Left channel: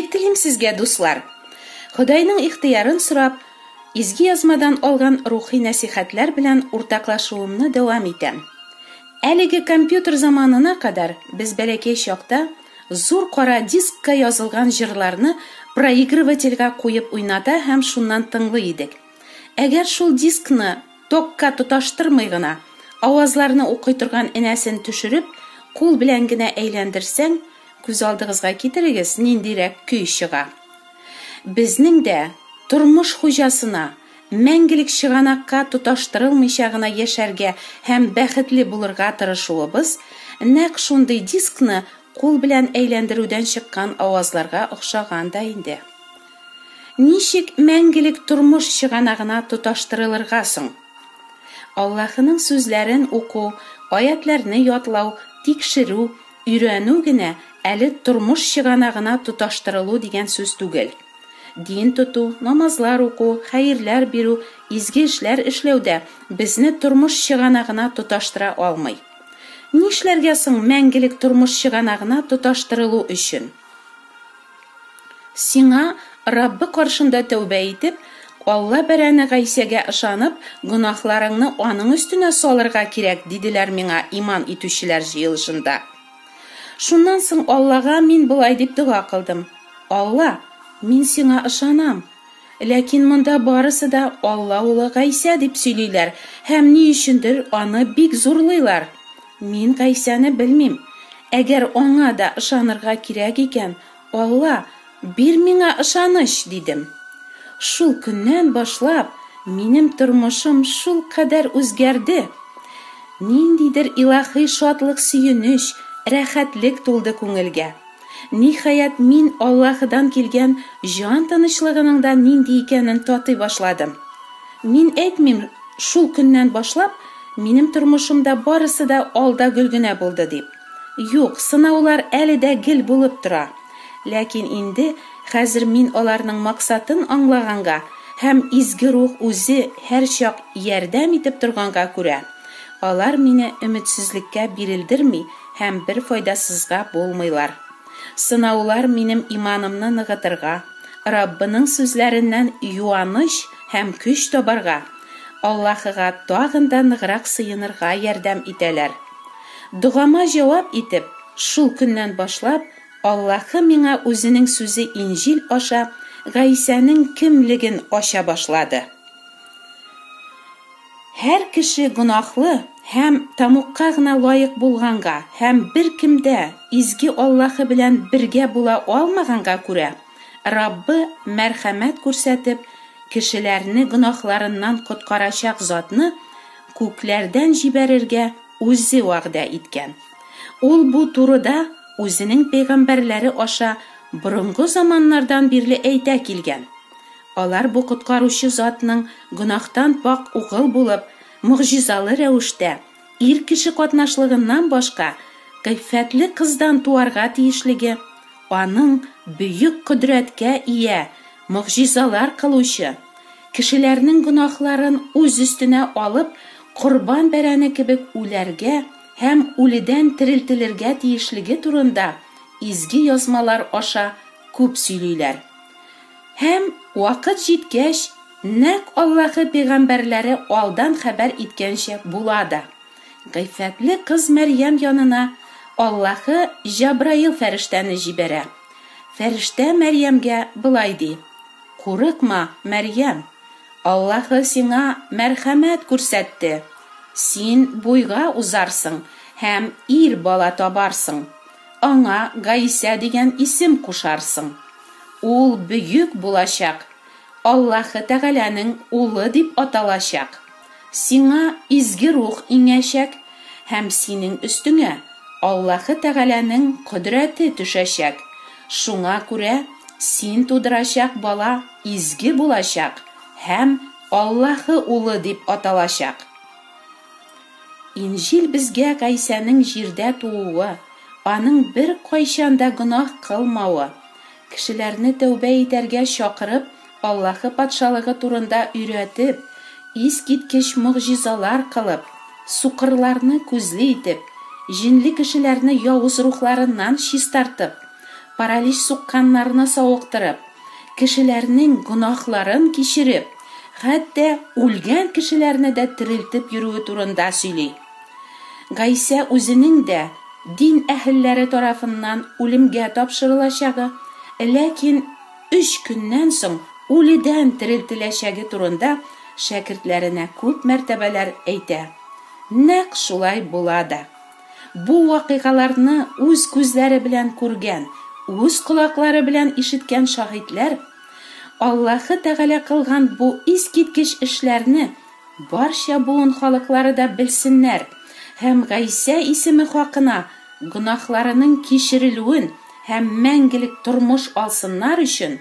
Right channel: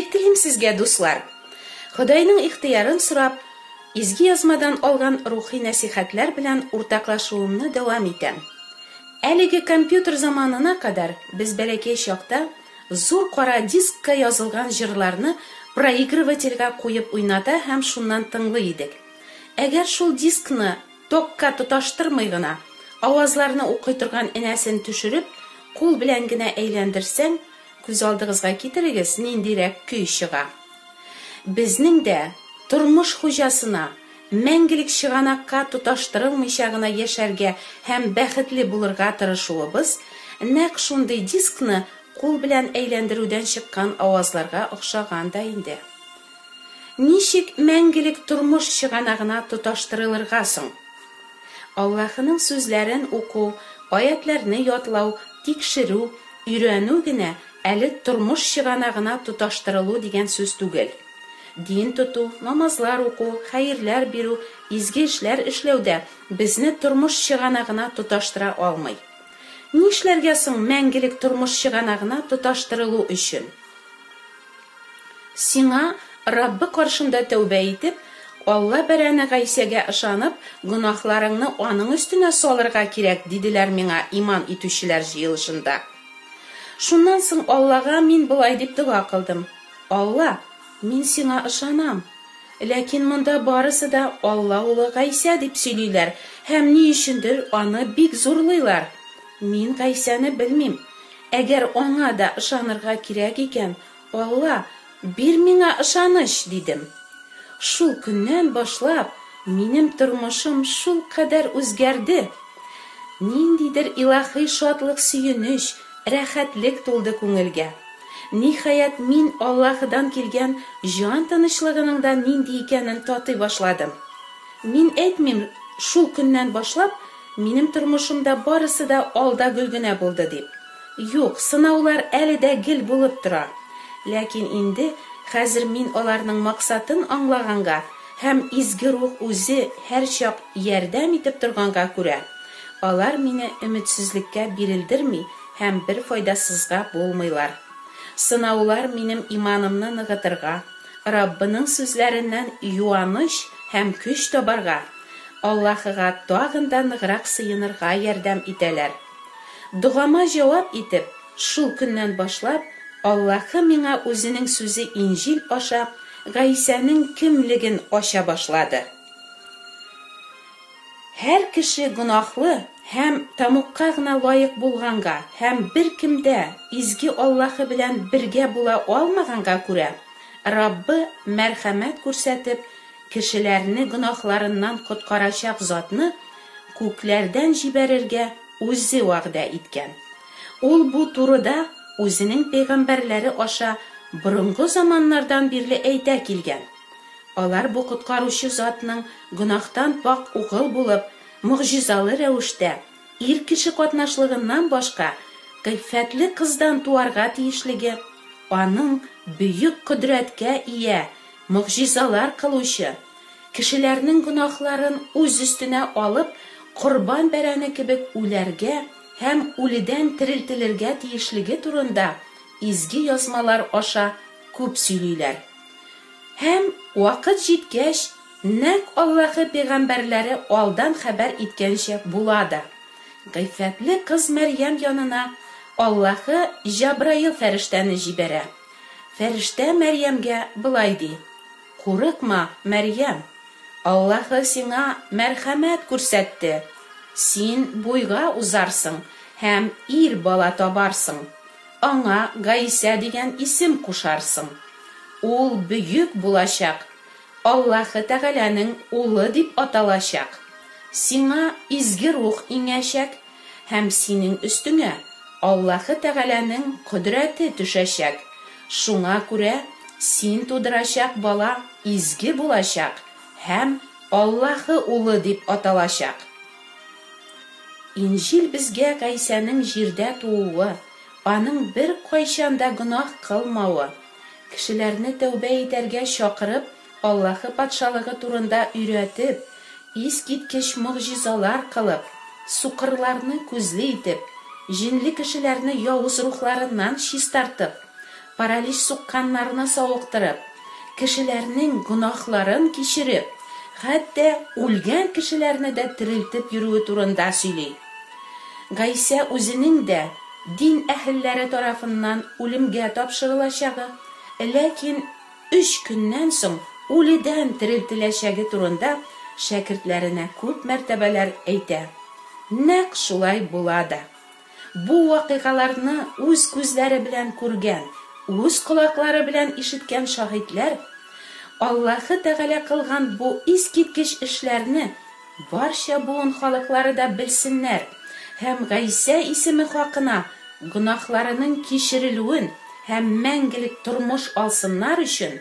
Бик телим сезгә, дуслар. Ходайның ихтыярын сорап, изге язмадан алган рухи нәсихәтләр белән уртаклашуымны дәвам итәм. Әлеге компьютер заманына кадәр без бәләкәй чакта зур кара дискка язылган җырларны проигрывательгә куеп уйната һәм шуннан тыңлый идек. Әгәр шул дискны токка тоташтырмый гына, авазларны укый торган энәсен төшереп, кул белән генә әйләндерсәң, күз алдыгызга китерегез, ниндирәк көй чыга. Безнең дә тормыш хуҗасына мәңгелек чыганакка тоташтырылмыйча гына яшәргә һәм бәхетле булырга тырышуыбыз нәкъ шундый дискны кул белән әйләндерүдән чыккан авазларга охшаган да инде. Ничек мәңгелек тормыш чыганагына тоташтырылырга соң? Аллаһның сүзләрен уку, аятларны ятлау, тикшерү, өйрәнү генә әле тормыш чыганагына тоташтырылу дигән сүз түгел. Дин тоту, намазлар уку, хәерләр бирү, изге эшләр эшләүдә безне тормыш чыганагына тоташтыра алмый. Нишләргә соң мәңгелек тормыш чыганагына тоташтырылу өчен? Сиңа Раббы каршында тәүбә итеп, Алла бәрәне Гайсәгә ышанып, гунахларыңны аның өстенә салырга кирәк, диделәр миңа иман итүчеләр җыелышында. Шуннан соң Аллага мин булай дип дуа кылдым. Алла, мин сиңа ышанам. Ләкин монда барысы да Алла улы Гайсә дип сөйлиләр, һәм ни өчендер аны бик зурлыйлар. Мин Гайсәне белмим. Әгәр аңа да ышанырга кирәк икән, Алла, бир миңа ышаныч, дидем. Шул көннән башлап, минем тормышым шул кадәр үзгәрде. Ниндидер илаһи шатлык, сөенеч, рәхәтлек тулды күңелгә. Ниһаять мин Аллаһыдан килгән җан тынычлыгының да нинди икәнен татый башладым. Мин әйтмим, шул көннән башлап, минем тормышымда барысы да алда гөл генә булды дип. Юк, сынаулар әле дә гел булып тора. Ләкин инде хәзер мин аларның максатын аңлаганга һәм изге рух үзе һәрчак ярдәм итеп торганга күрә, алар мине өметсезлеккә бирелдерми һәм бер файдасызга булмыйлар. Сынаулар минем иманымны ныгытырга, Раббының сүзләреннән юаныч һәм көч табарга, Аллаһыга тагын да ныграк сыенырга ярдәм итәләр. Дугама җавап итеп, шул көннән башлап, Аллаһы миңа үзенең сүзе Инҗил аша Гайсәнең кемлеген ача башлады. Һәр кеше гунахлы һәм тамукка гына лаек булганга һәм бер кемдә изге Аллаһы белән бергә була алмаганга күрә, Раббы мәрхәмәт күрсәтеп, кешеләрне гунахларыннан коткарачак затны күкләрдән җибәрергә үзе вәгъдә иткән. Ул бу турыда үзенең пәйгамбәрләре аша борынгы заманнардан бирле әйтә килгән. Алар бу коткаручы затның гунахтан пак угыл булып, мөгъҗизалы рәвештә ир кеше катнашлыгыннан башка кыйффәтле кыздан туарга тиешлеге, аның бөек кодрәткә ия, мөгъҗизалар кылучы, кешеләрнең гунахларын үз өстенә алып, корбан бәрәне кебек үләргә һәм үледән терелтелергә тиешлеге турында изге язмалар аша күп сөйлиләр. Һәм вакыт җиткәч, нәкъ Аллаһы пәйгамбәрләре алдан хәбәр иткәнчә була да. Гыйффәтле кыз Мәрьям янына Аллаһы Җабраил фәрештәне җибәрә. Фәрештә Мәрьямгә булай ди: "Курыкма, Мәрьям, Аллаһы сиңа мәрхәмәт күрсәтте. Син буйга узарсың һәм ир бала табарсың. Аңа Гайсә дигән исем кушарсың. Ул бөек булачак, Аллаһы Тәгаләнең улы дип аталачак. Сиңа изге рух иңәчәк һәм синең өстеңә Аллаһы Тәгаләнең кодрәте төшәчәк. Шуңа күрә син тудырачак бала изге булачак һәм Аллаһы улы дип аталачак." Инҗил безгә Гайсәнең җирдә тууы, аның бер кайчанда гунах кылмавы, кешеләрне тәүбә итәргә чакырып, Аллаһы патшалыгы турында өйрәтеп, искиткеч мөгъҗизалар кылып, сукырларны күзле итеп, җинле кешеләрне явыз рухларыннан чистартып, паралич сукканнарны савыктырып, кешеләрнең гөнаһларын кичереп, хәтта үлгән кешеләрне дә терелтеп йөрүе турында сөйли. Гайса үзенең дә дин әһелләре тарафыннан үлемгә тапшырылачагы, ләкин 3 көннән соң үледән терелтеләчәге турында шәкертләренә күп мәртәбәләр әйтә. Нәкъ шулай була да. Бу вакыйгаларны үз күзләре белән күргән, үз колаклары белән ишеткән шаһитләр Аллаһы Тәгалә кылган бу искиткеч эшләрне барча буын халыклары да белсеннәр һәм Гайса исеме хакына гөнаһларының кичерелүен һәм мәңгелек тормыш алсыннар өчен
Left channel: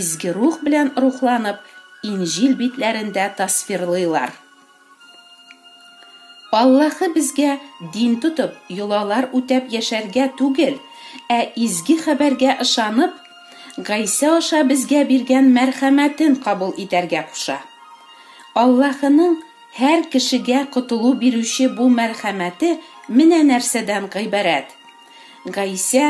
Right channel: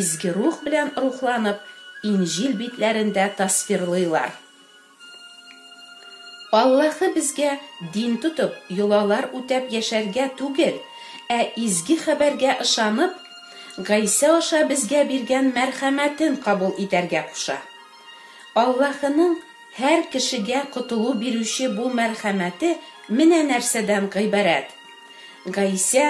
изге рух белән рухланып Инҗил битләрендә тасвирлыйлар. Аллаһы безгә дин тотып, юлалар үтәп яшәргә түгел, изге хәбәргә ышанып, Гайса аша безгә биргән мәрхәмәтен кабул итәргә куша. Аллаһының һәр кешегә котылу бирүче бу мәрхәмәте менә нәрсәдән гыйбарәт. Гайса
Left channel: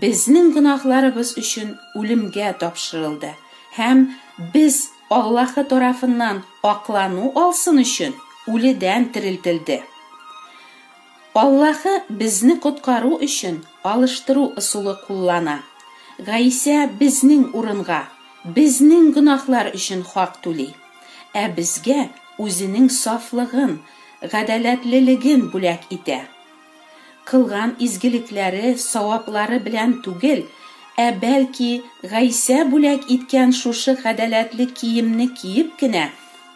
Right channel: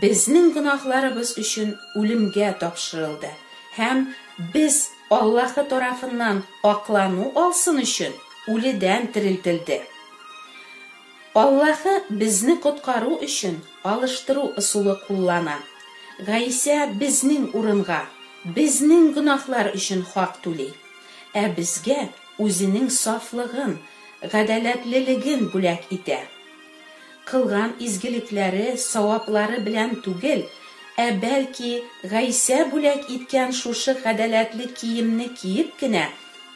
безнең гөнаһларыбыз өчен үлемгә тапшырылды һәм без Аллаһы тарафыннан аклану алсын өчен үледән терелтелде. Аллаһы безне коткару өчен алыштыру ысулы куллана. Гайса безнең урынга, безнең гөнаһлар өчен хак түли, безгә үзенең сафлыгын, гадаләтлелеген бүләк итә. Кылган изгелекләре, саваплары белән түгел, бәлки Гайса бүләк иткән шушы гадаләтле киемне киеп кенә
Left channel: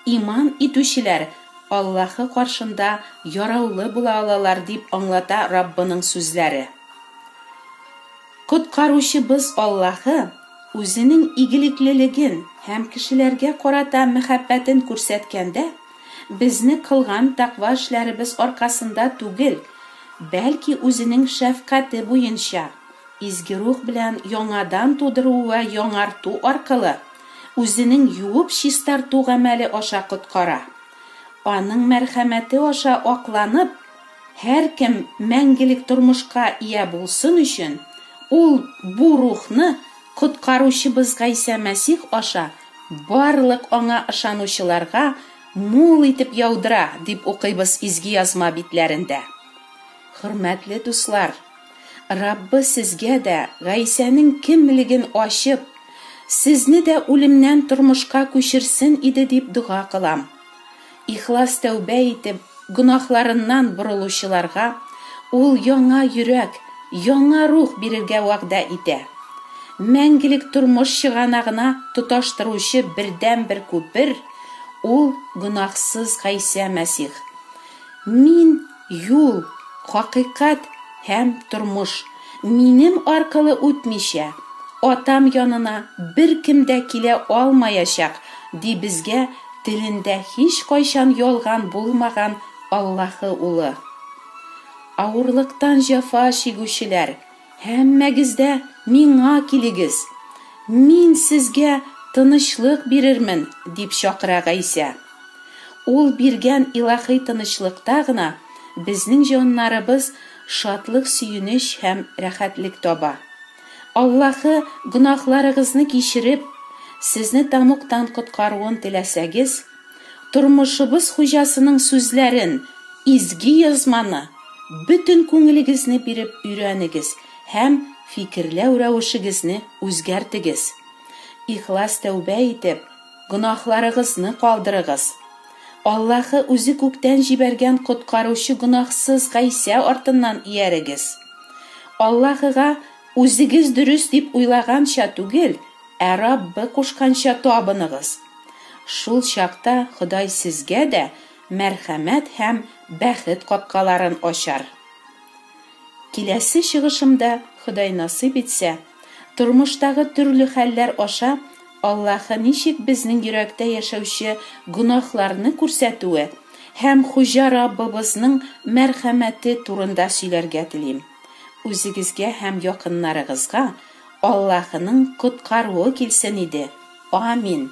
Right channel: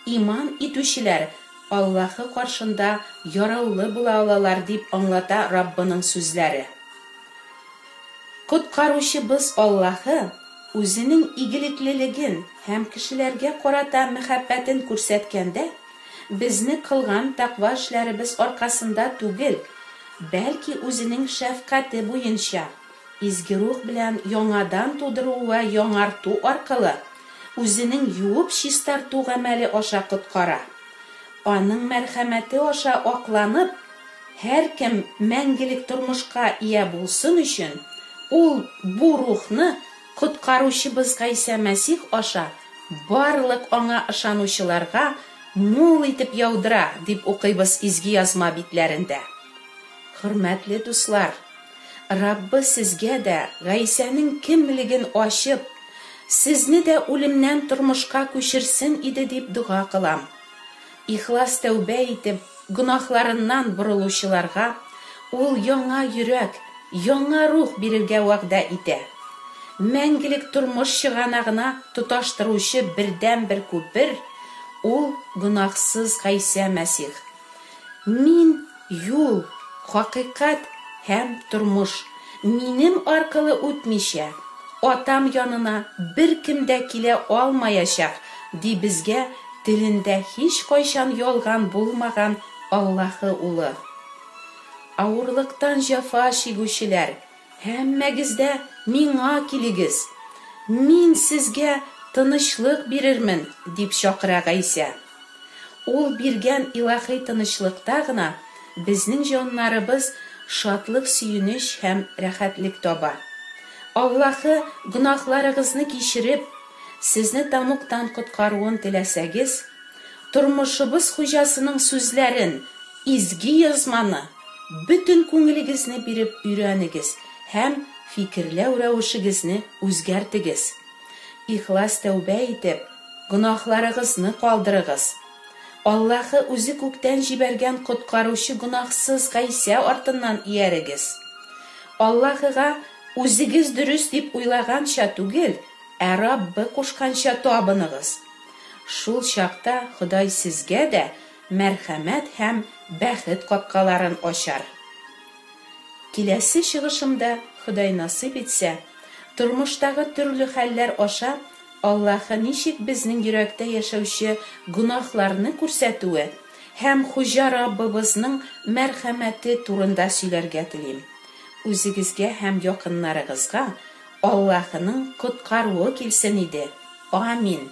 иман итүчеләр Аллаһы каршында яраулы була алалар дип аңлата Раббының сүзләре. Коткаручыбыз Аллаһы үзенең игелеклелеген һәм кешеләргә карата мәхәббәтен күрсәткәндә, безне кылган тақва эшләребез аркасында түгел, бәлки үзенең шәфкате буенча изге рух белән яңадан тудыру ва яңарту аркылы үзенең юып чистарту гамәле аша коткара. Аның мәрхәмәте аша акланып, һәр кем мәңгелек тормышка ия булсын өчен, ул бу рухны коткаручыбыз Гайса Мәсих аша барлык аңа ышанучыларга мул итеп яудыра, дип укыйбыз изге язма битләрендә. Хөрмәтле дуслар, Раббы сезгә дә Гайсаның кемлеген ачып, сезне дә үлемнән тормышка күчерсен иде дип дуга кылам. Ихлас тәүбә итеп, гөнаһларыннан борылучыларга ул яңа йөрәк, яңа рух бирергә вәгъдә итә. Мәңгелек тормыш чыганагына тоташтыручы бердән-бер күпер ул гөнаһсыз Гайса Мәсих. Мин юл, хакыйкать һәм тормыш. Минем аркылы үтмичә, атам янына бер кем дә килә алмаячак, ди безгә телендә һич кайчан ялган булмаган Аллаһы улы. Авырлыктан җәфа чигүчеләр, һәммәгездә миңа килегез. Мин сезгә тынычлык бирермен, дип чакыра Гайса. Ул биргән илаһи тынычлыкта гына безнең җаннарыбыз шатлык, сөенеч һәм рәхәтлек таба. Аллаһы гөнаһларыгызны кичереп, сезне тамуктан коткаруын теләсәгез, тормышыбыз хуҗасының сүзләрен, изге язманы бөтен күңелегезне биреп өйрәнегез һәм фикерләү рәвешегезне үзгәртегез. Ихлас тәүбә итеп, гөнаһларыгызны калдырыгыз. Аллаһы үзе күктән җибәргән коткаручы гөнаһсыз Гайса артыннан иярегез. Аллаһыга үзегез дөрес дип уйлаганча түгел, Раббы кушканча табыныгыз. Шул чакта Ходай сезгә дә мәрхәмәт һәм бәхет капкаларын ачар. Киләсе чыгышымда, Ходай насыйп итсә, тормыштагы төрле хәлләр аша Аллаһы ничек безнең йөрәктә яшәүче гөнаһларны күрсәтүе һәм Хуҗа Раббыбызның мәрхәмәте турында сөйләргә телим. Үзегезгә һәм якыннарыгызга Аллаһының коткаруы килсен иде. Амин.